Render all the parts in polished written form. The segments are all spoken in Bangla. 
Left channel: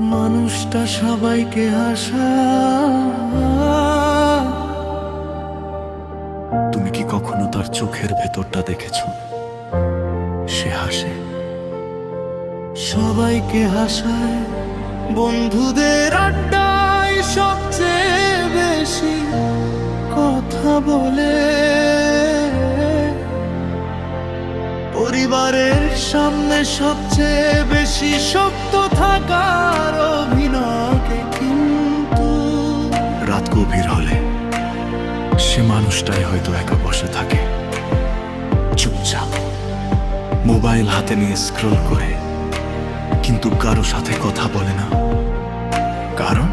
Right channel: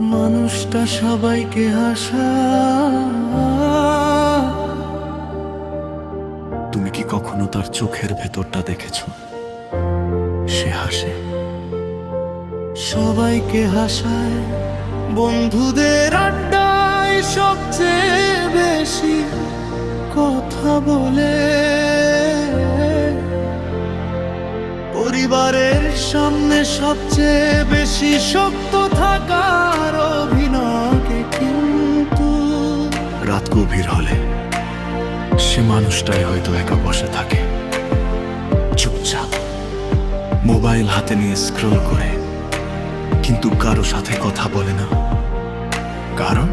মানুষটা সবাইকে হাসা। তুমি কি কখনো তার চোখের ভেতরটা দেখেছো? সে হাসে, সবাইকে হাসায়, বন্ধুদের আড্ডায় সবচেয়ে বেশি কথা বলে, পরিবারের সামনে সবচেয়ে বেশি শক্ত থাকার অভিনয়কে। কিন্তু রাত গভীর হলে সে মানুষটাই হয়তো একা বসে থাকে, চুপচাপ, মোবাইল হাতে নিয়ে স্ক্রল করে, কিন্তু কারো সাথে কথা বলে না। কারণ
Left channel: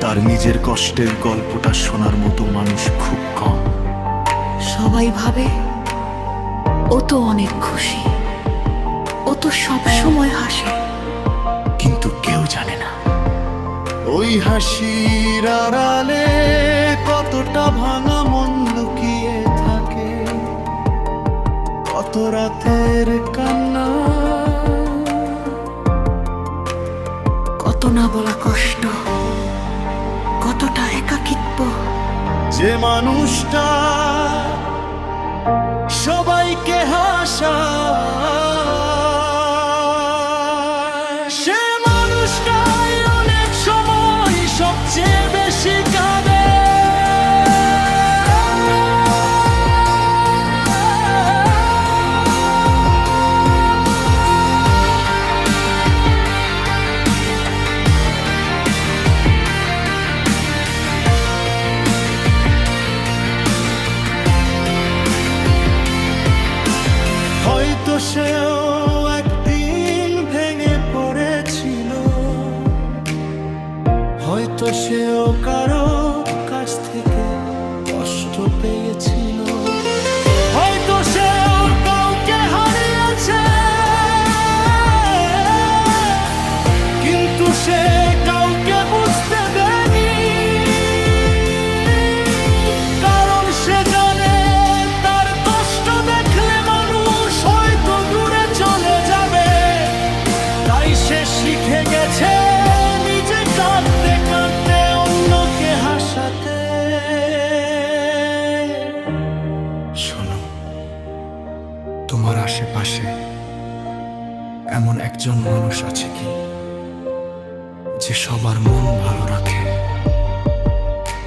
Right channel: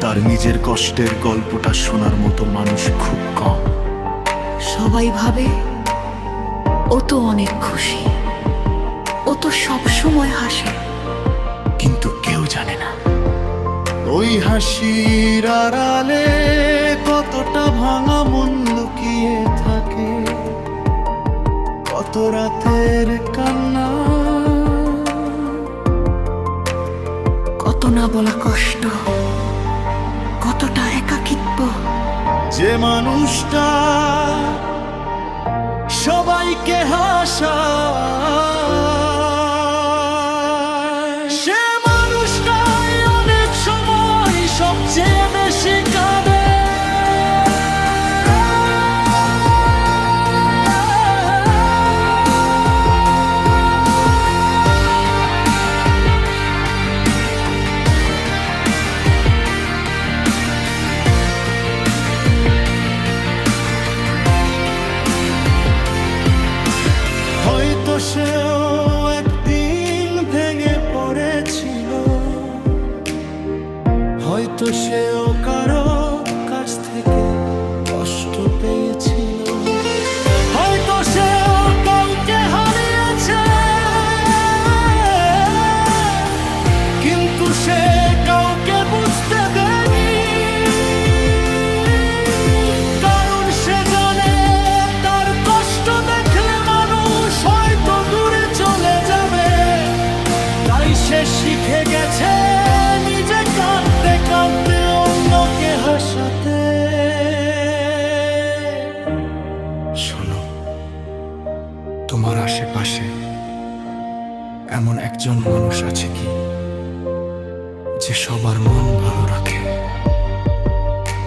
তার নিজের কষ্টের গল্পটা শোনার মতো মানুষ খুব কম। সবাই ভাবে ও তো অনেক খুশি, ও তো সব সময় হাসে, কিন্তু কেউ জানে না ওই হাসির আড়ালে কতটা ভাঙা মন লুকিয়ে থাকে, কত রাতের কান্না, কত না বলা কষ্ট, কতটা একাকিত্ব। যে মানুষটা সবাইকে হাসায়, সে মানুষটাই অনেক সময় সবচেয়ে বেশি কাঁদে। হয়তো সেও একদিন ভেঙে পড়েছিল, হয়তো সেও কারো কাছ থেকে কষ্ট পেয়েছিল, হয়তো সেও কাউকে হারিয়েছে, কিন্তু সে কাউকে বুঝতে দেয়নি। কারণ সে জানে তার কষ্ট দেখলে মানুষ হয়তো দূরে চলে যাবে। তাই সে শিখে গেছে নিজে কাঁদতে কাঁদতে অন্যকে হাসাতে। শোনো, তোমার আশেপাশে এমন একজন মানুষ আছে কি, যে সবার মন ভালো রাখে,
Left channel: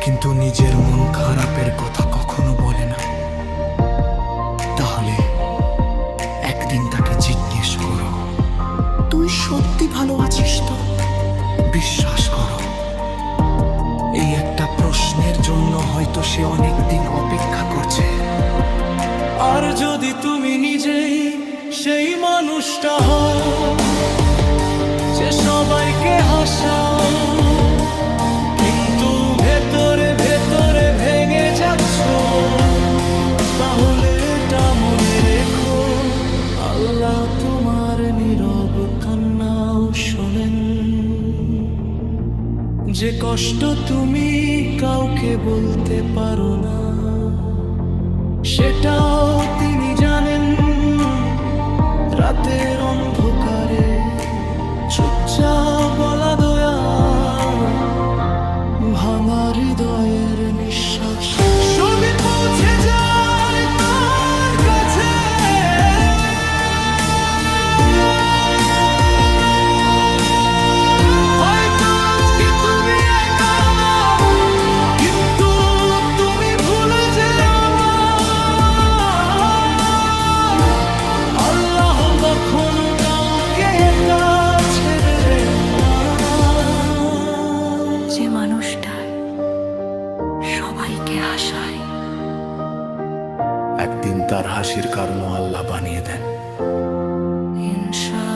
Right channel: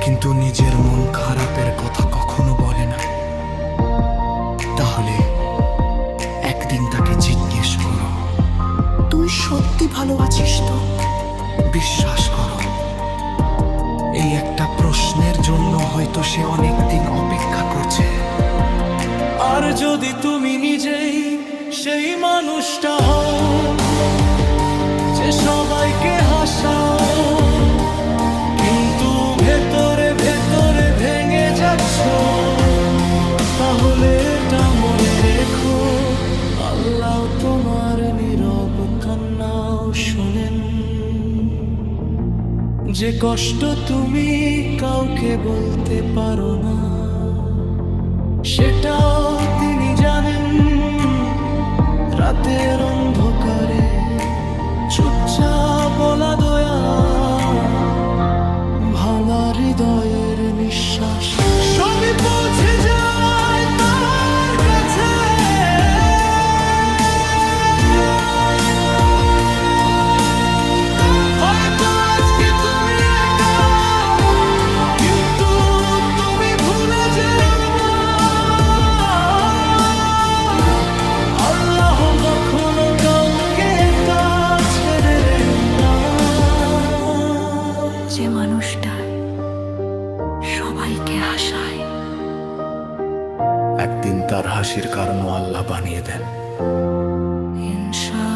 কিন্তু নিজের মন খারাপের কথা কখনো বলে না? তাহলে একদিন তাকে জিজ্ঞেস করো, তুই সত্যি ভালো আছিস তো? বিশ্বাস করো, এই একটা প্রশ্নের জন্য হয়তো সে অনেকদিন অপেক্ষা করছে। আর যদি তুমি নিজেই সেই মানুষটা হও যে সবাইকে হাসাও, কিন্তু ভেতরে ভেতরে ভেঙে যাচ্ছ, তাহলে এটা মনে রেখো, আল্লাহ তোমার নীরব কান্নাও শোনেন। যে কষ্ট তুমি কাউকে বলতে পারো না, সেটাও তিনি জানেন। রাতের অন্ধকারে চুপচাপ বলা দয়া, ভাঙা হৃদয়ের নিঃশ্বাস সবই পৌঁছে যায় তার কাছে। হয়তো আজকে তুমি একা, কিন্তু তুমি ভুলে যেও না, আল্লাহ কখনো কাউকে একা ছেড়ে দেন না। যে মানুষটা সবাইকে হাসায়, একদিন তার হাসির কারণও আল্লাহ বানিয়ে দেন। ইনশা